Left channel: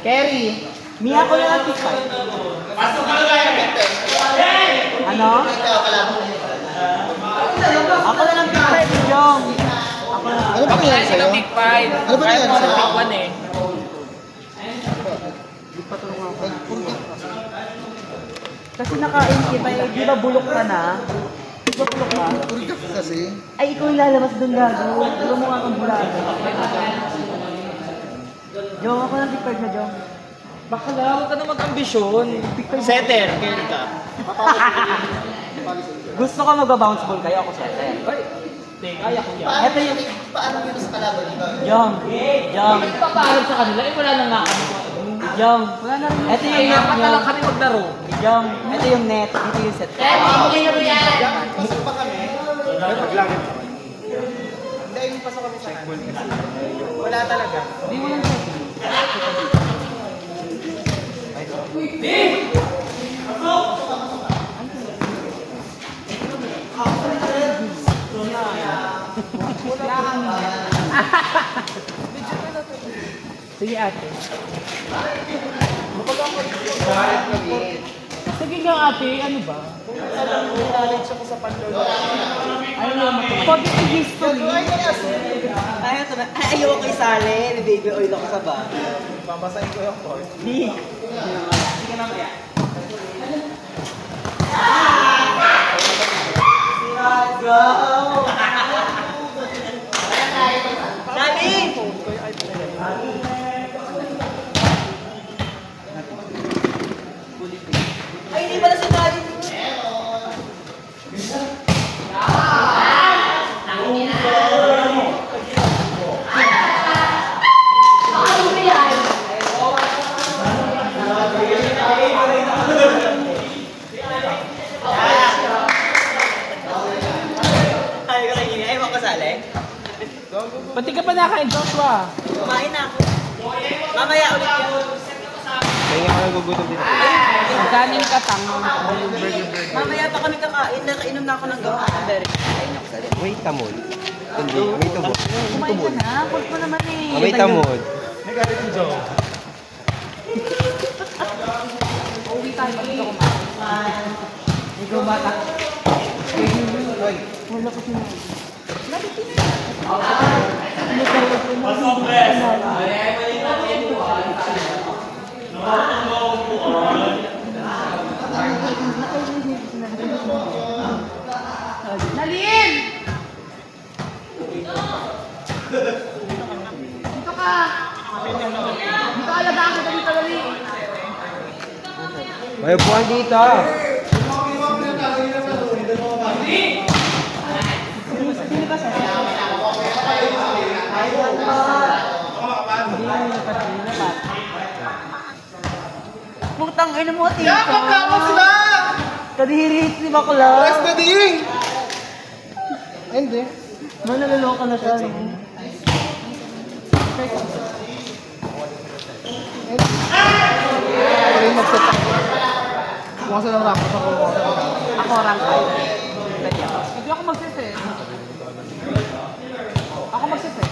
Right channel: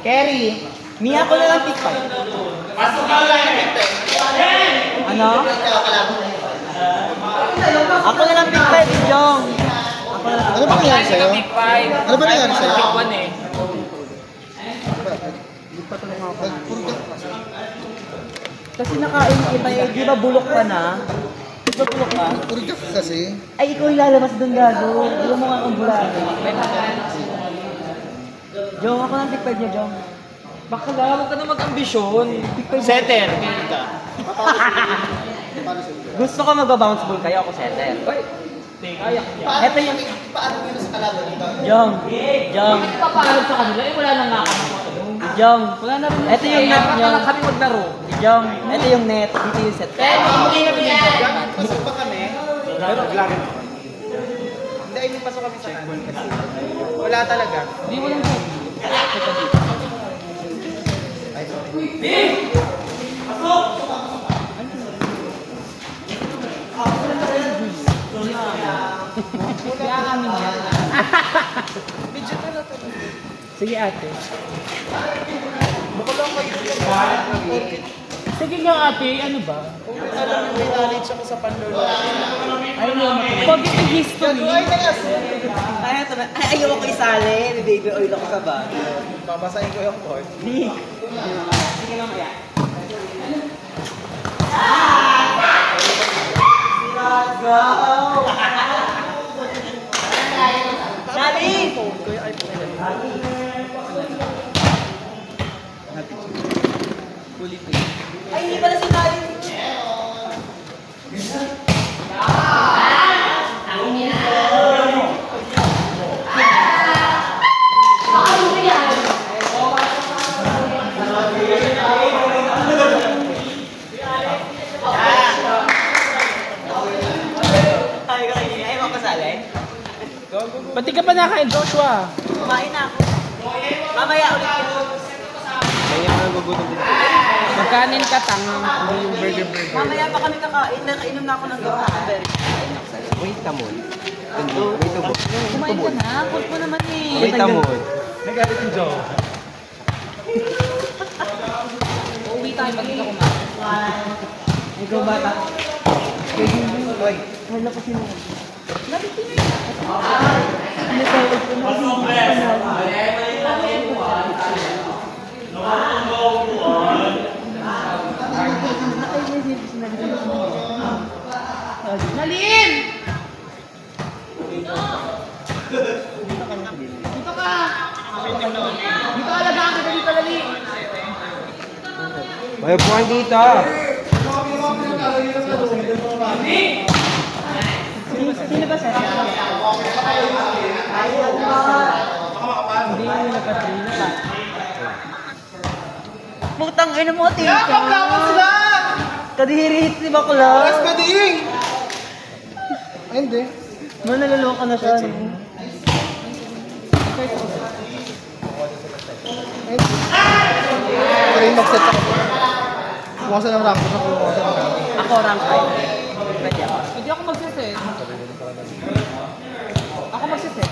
Kerry. Mia ko na lang pick 5. Pasok ka lang! Ano? Ako na lang pick 5, Jong. Ano ba nangyari sa'yo? Ano ba nangyari sa'yo? Pick 1 eh. Kasi nakain kita eh. Di ba bulok ka na? Di ba bulok ka? Purigap kasi. Ay, ikaw yung lalabas doon gago. Alam mo nga kung bulak. Jong, ako lang pick 5 niya, Jong. Bakla, huwag ka na mag-ambisyon. Setter, Pilita. Gusto ko mag-bounce ball kayo, ako setter. Kaya ko yan. Ito yung... Paano yun sa kalaban dito? Jong. Jong. Papalag sa kanila, eh wala na nga kami. Jong. Wala na rin. Ito yung net nyo. Kami maglaro. Jong. Ito yung net. Dito yung set. Pasok pa kami. Lang. Hindi, hindi pasok kami sa checkpoint kasi. Wala talaga. Di mo lang. Sige ate. Sige nga ate, ano ba? May knowledge ako sa panlula. Ano naman? Pag yung history. Ay, ito na. Ay, ayaw ako isali. May baby oil ako sa bag. Babasahin ko yung court. Di. Sige mamaya. Go! Dali! Ay, hindi pala si Dali. Pati ka pa nakain, Joshua. Kumain na ako. Mamaya ulit yan. Magkanin ka tang. Mamaya pa kami kakain. Nakainom na ako ng gawa. Wait a moment. Wait a moment. Kumain ka na. Huwag mo naman eh. Wait a moment. Nagkabit mo, Joe. Uwi tayo mag-ito kumain. Ikaw bata. Wala ko sino. Nalim! Dito ka! Dito alagaan ka dito, dali! May upuan dito. Sino ba siya? Hindi mo nagkatrina. Putang ina mo, tita. Kapla sila! Kadihirit si Bakula. Mas bading! Ay, hindi. Nalaloka na siya. Ay, mag-set ako. Bukasan ng lang. Ako rank 5. Hindi ako magsiset. Ako magsiset.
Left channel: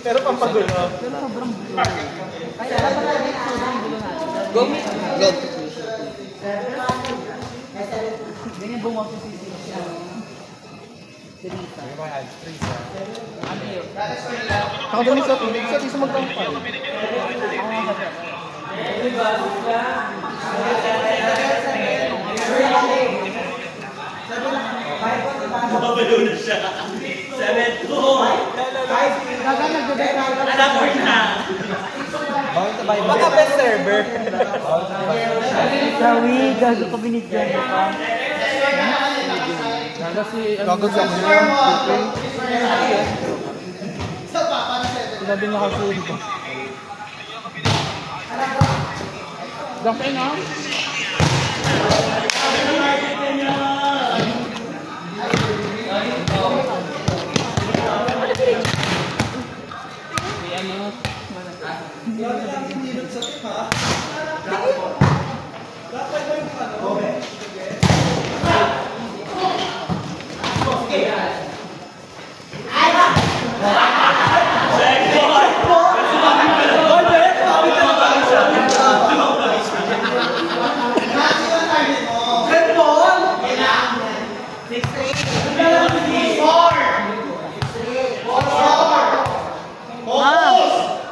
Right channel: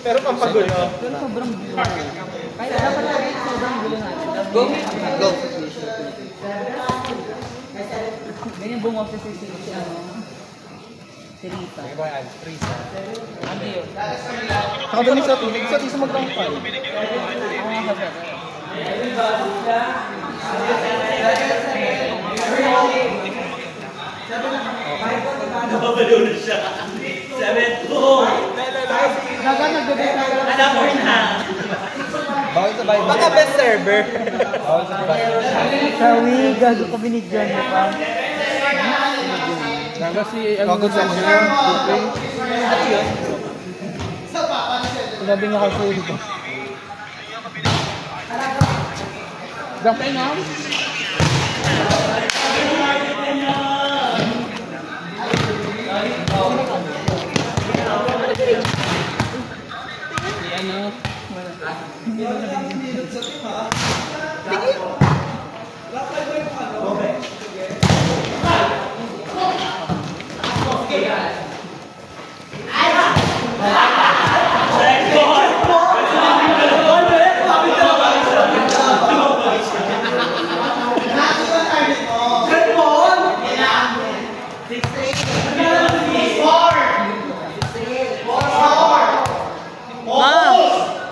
Pero pampagulo. Go. Go. Ganyan bumok si Rita. Nakabalik sa tubig. Sa isa magkampay. Nababalo na siya. 7-2. Alam mo na. Baka best server. Sawi, gago ka binigyan. Gagod ako niya. Sabi niya kasi dito. Gapay na? Ano?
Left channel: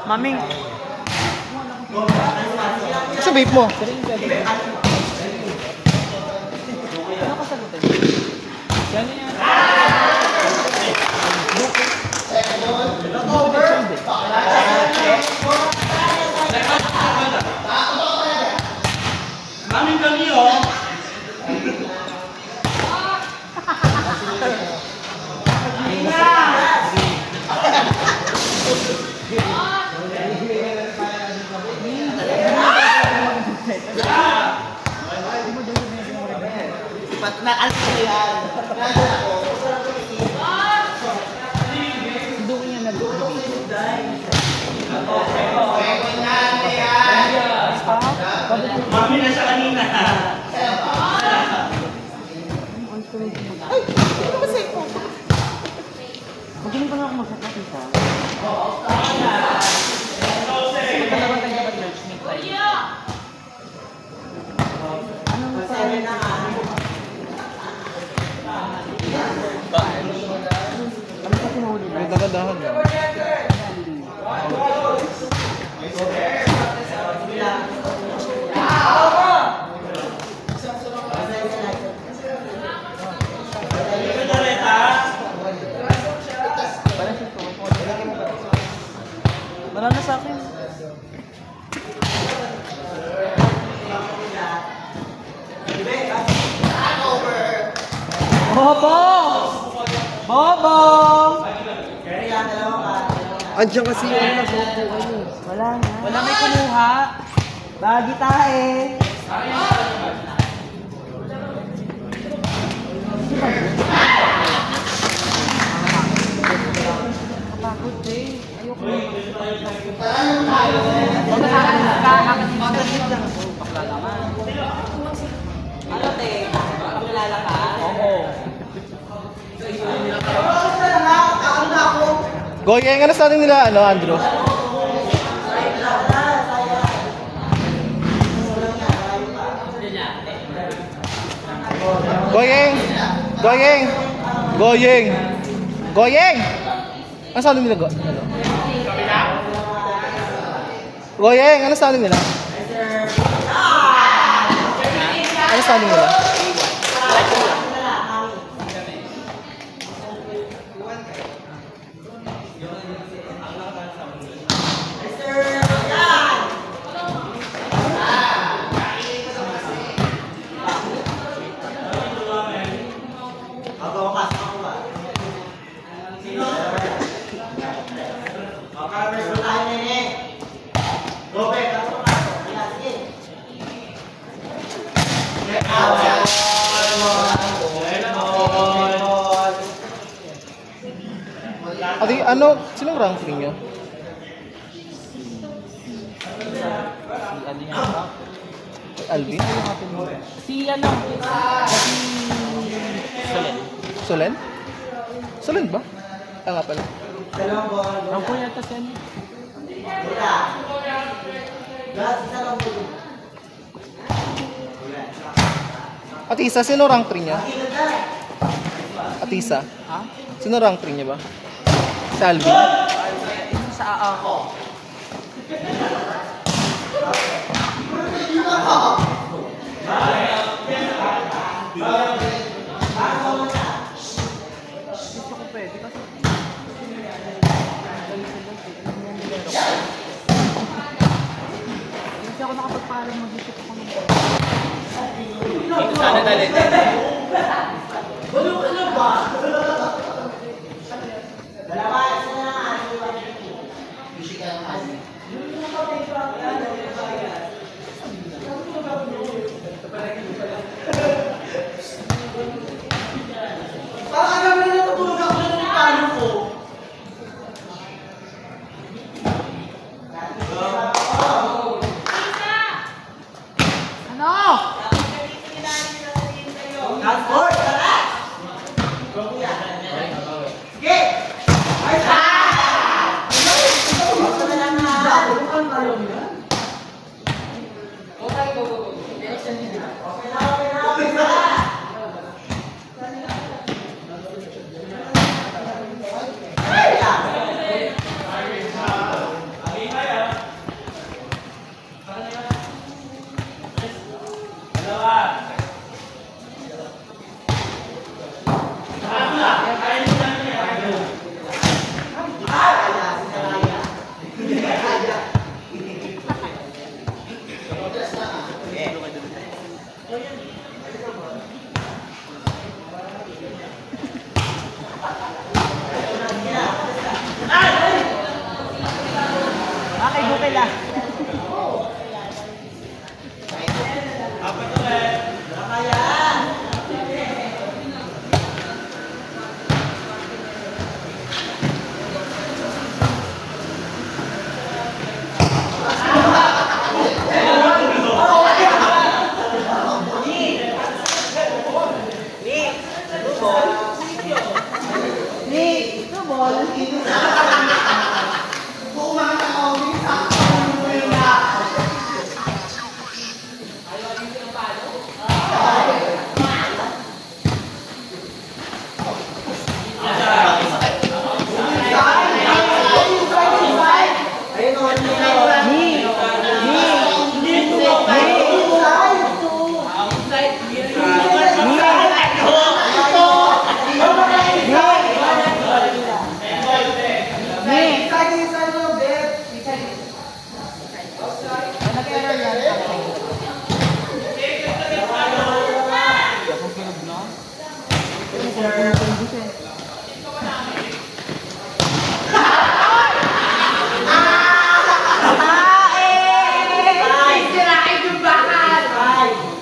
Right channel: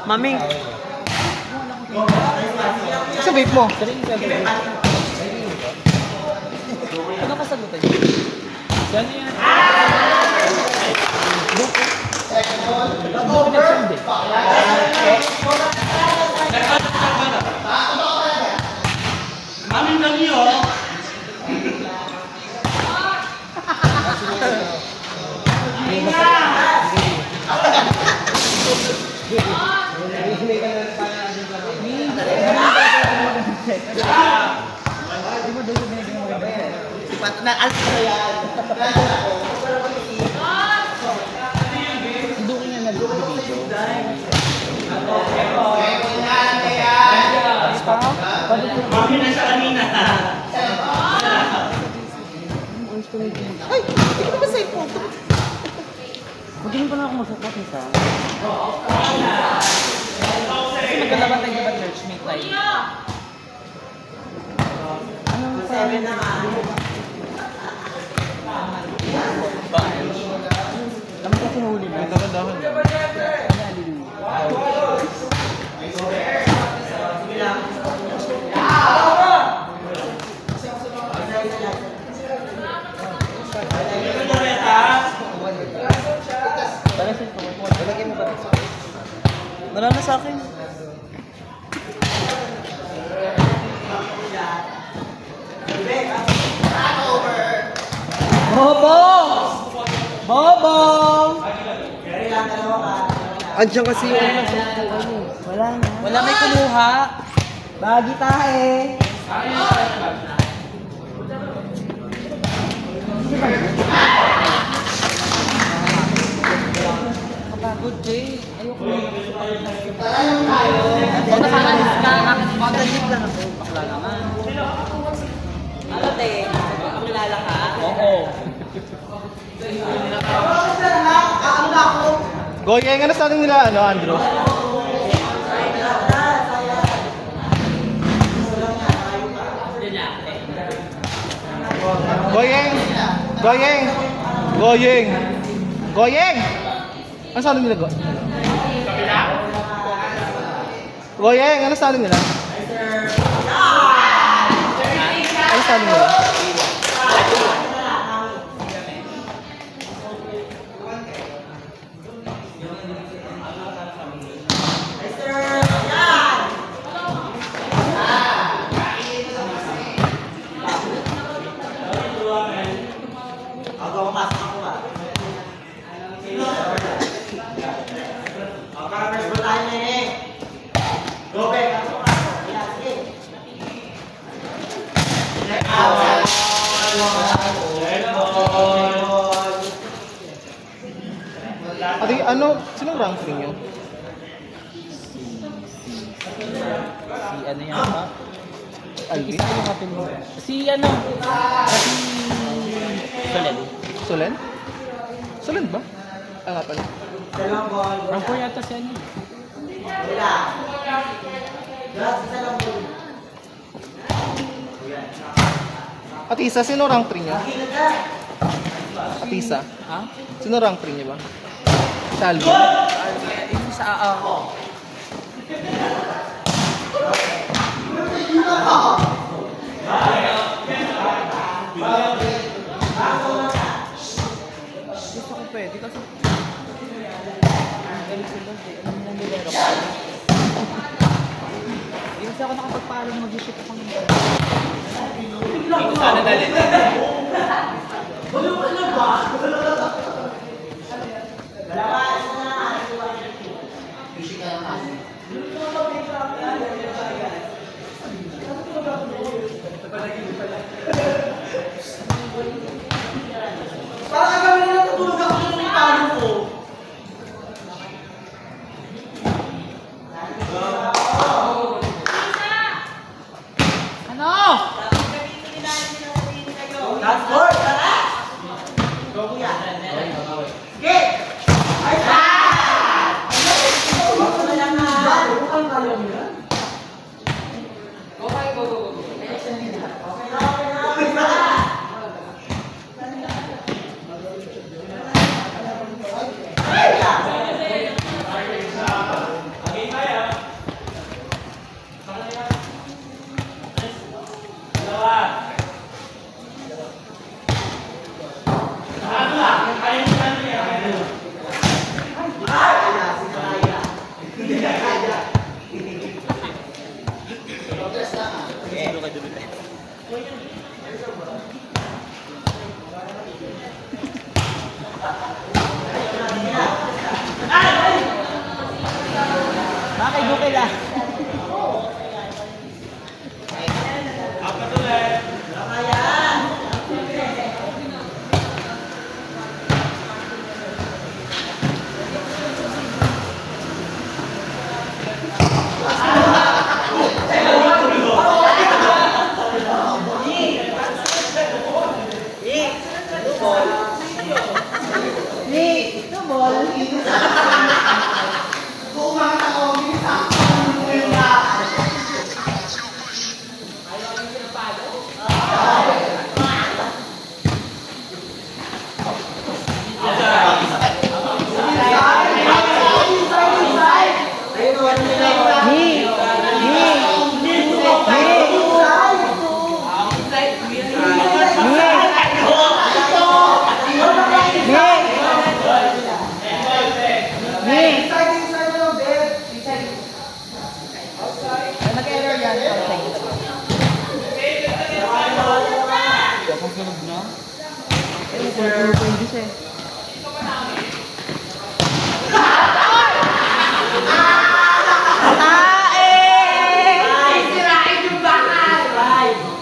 Maming. Sa vape mo. Ano ka sagutin? Gano'n yan. Maming kami oh. Mami na siya kanina. Ay! Ito ba safe po? Hindi ko na ako magpapakita. Nagkalaman tayo ba church meet tayo? Anong sabi na nga? Ano ka sinuli ba? Nagadahan. Wala na sa akin. Bobo! Bobo! Andiyan kasi yung nasa upuan mo. Wala. Wala may kumuha. Bagi tae. Pagod kay. Ayoko na. Goyeng, ano sa atin nila, ano, Andrew? Goyeng! Goyeng! Goyeng! Goyeng! Ano sa atin nila, Go? Goyeng, ano sa atin nila? Ano sa atin nila? Adi, ano, sinong rank niyo? Si ano yan ba? Alvin? Si ano? Si Solen. Solen? Solen ba? Ah, nga pala. Ang po yata si ano? Atisa, sino rank 3 niya? Atisa? Ha? Sino rank 3 niya ba? Si Alvin? Ito sa ako. Gusto ko pwede kasi kasi ako nakapagparang mag-isip ako ng Sana dali. Parang kami na natutulog ako ng palo ko.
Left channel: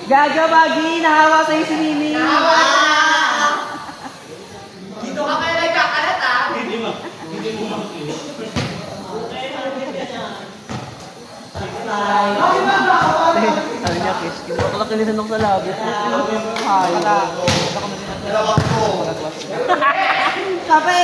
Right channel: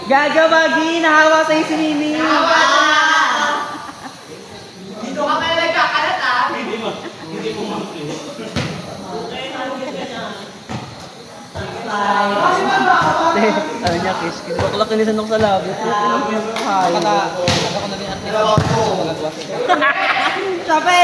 Gagawagi, nahawa sa'yo si Mimi. Dito ka kayo nagkakalat ah. Hindi mo makikita. Sabi niya, kiss. Wala kinisanok sa labo. Sabi!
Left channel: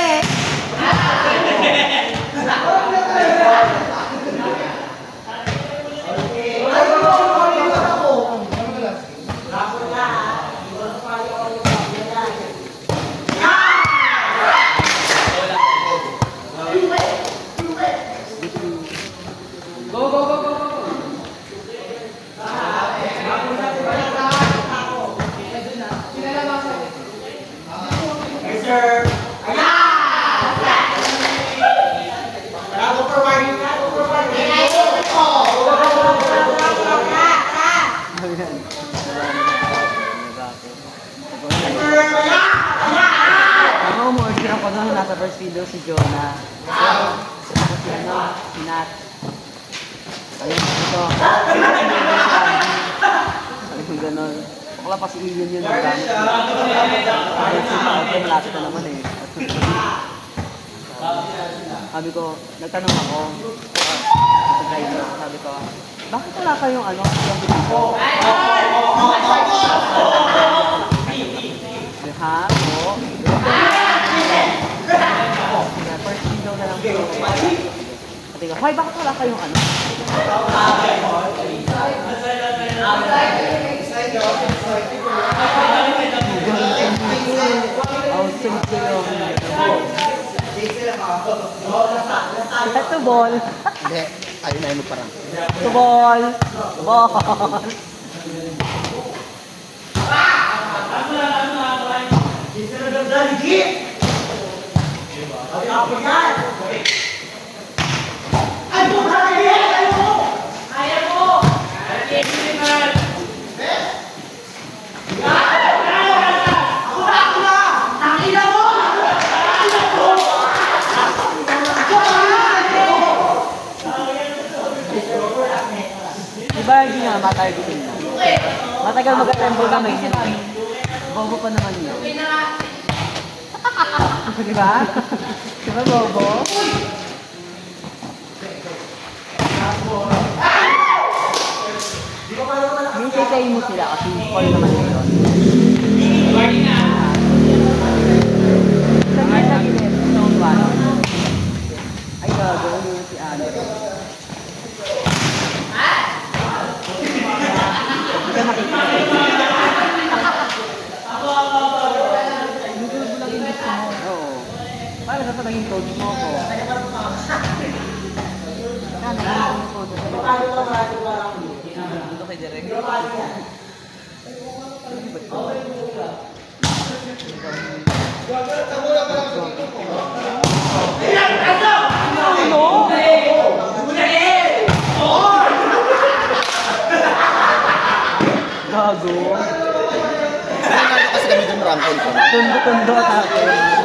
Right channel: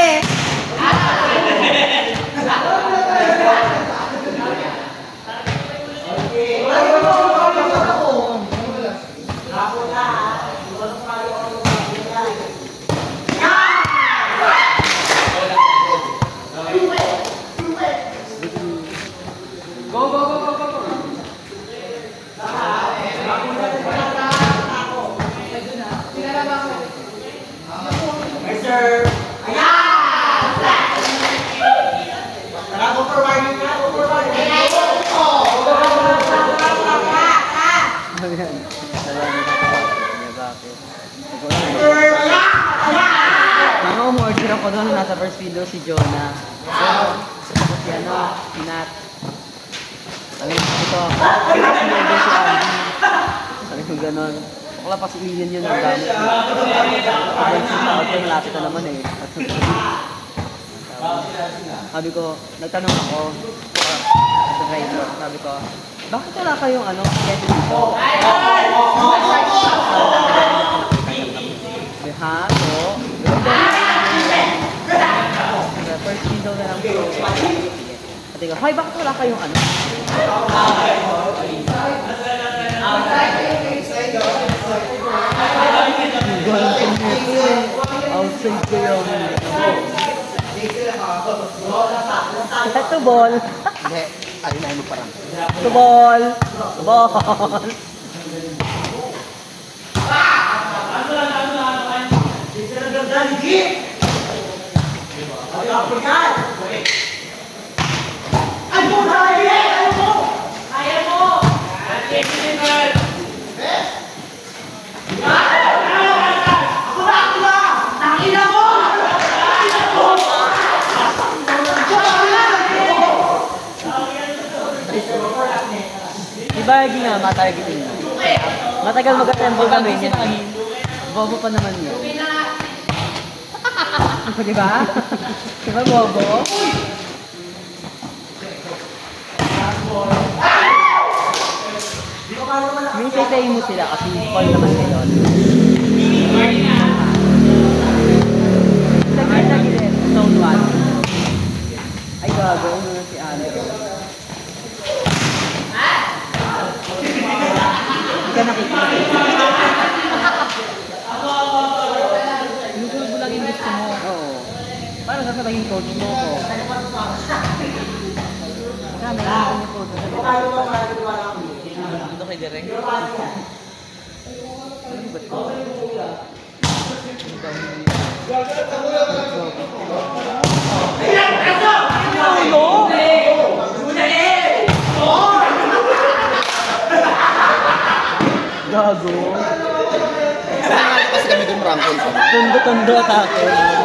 Nasa first video si Jonah. Si ano, si Nat. Sabi ko, sabi ko gano'n. Wala pa si Ian yun. Last ko naman eh. Sabi ko, nagtanong ako sa driver. Sabi ko, bakit wala kayong ano? Ha? Oo. First video na lang po. Sabi ko, hoy, bakit wala kayong ano? Outside ko yung... Ito ball. Hindi, ayun na yun parang. Ito ball. Ball. Diba lagi nga, matargetin niya. Matagal mag-assemble ka nun yan. Bobo pa naman yun. Diba? Diba bobo? May say mo sila kasi call naman kayo. Lagi sa gilid. Ay gago, si Alex. Tundo-tundo sa akin.